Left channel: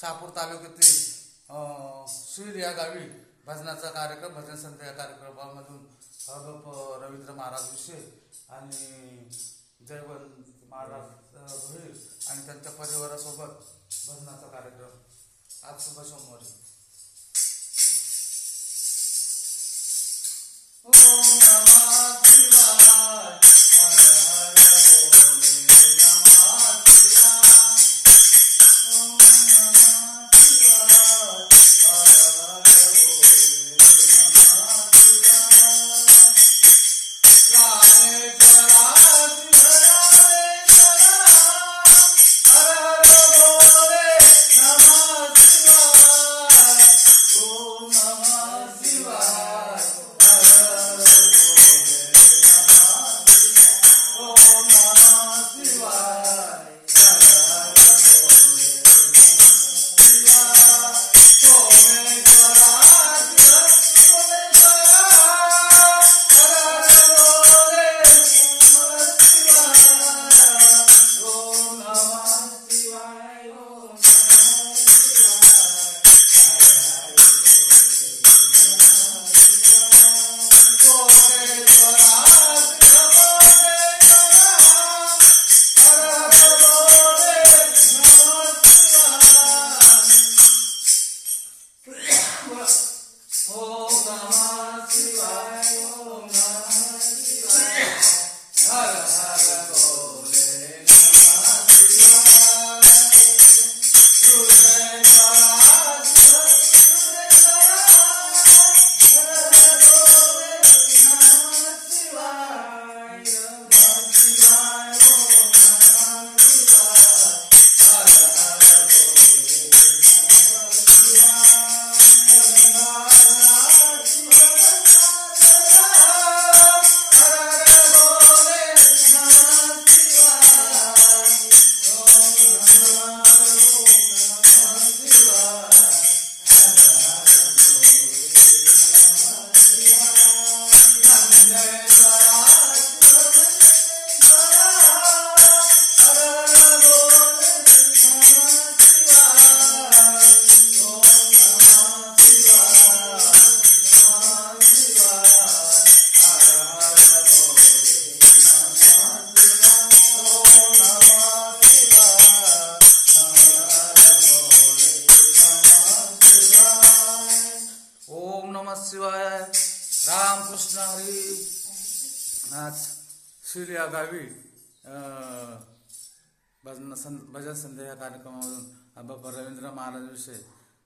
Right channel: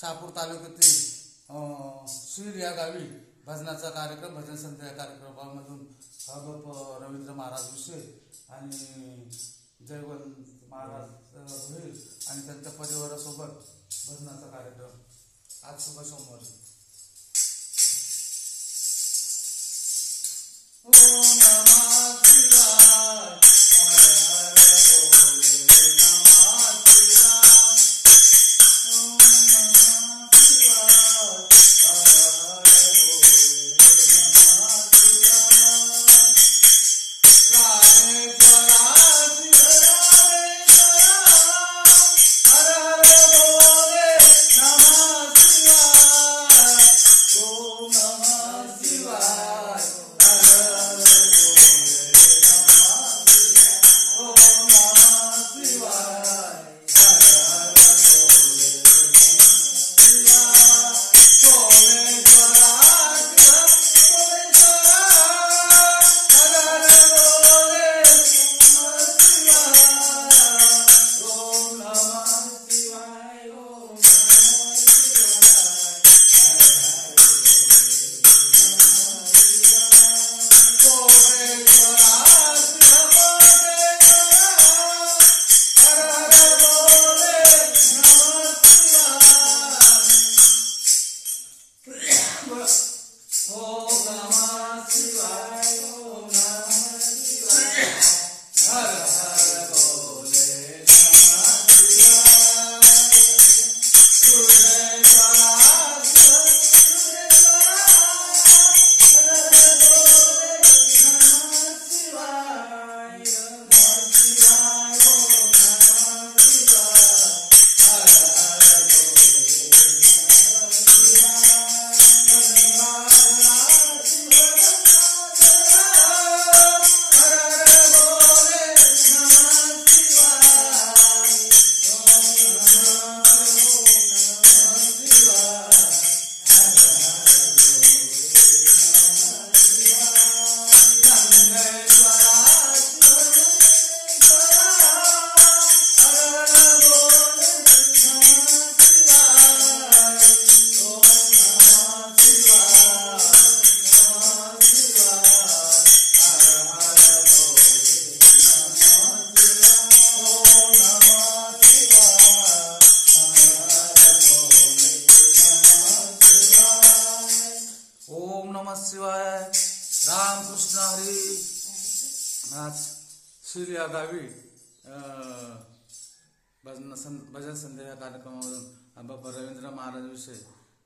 शहापूर तालुक्यातील शीळ या गावी भजनाचा कार्यक्रम, भजन संध्या या कार्यक्रमामधून रवींद्र महाराज विषय आणि जयवंत महाराज होईल आणि त्यांच्या परिवारासोबत भजनाचा कार्यक्रम आज शुभ सोमवारी। ओम नमः शिवाय, हर हर बोले नमः शिवाय। ओम नमः शिवाय, हर हर बोले नमः शिवाय। रामेश्वरा शिवाय। रामकृष्ण हरी। आज शीळ या गावी भजन संध्या या कार्यक्रमामधून बाबा रवींद्र महाराज विषय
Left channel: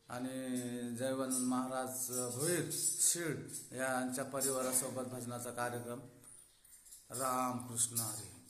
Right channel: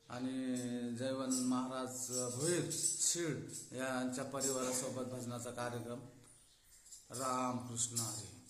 आणि जयवंत महाराज भोईर शीळ यांच्या परिवारासोबत भजनाचा कार्यक्रम। रामकृष्ण हरी।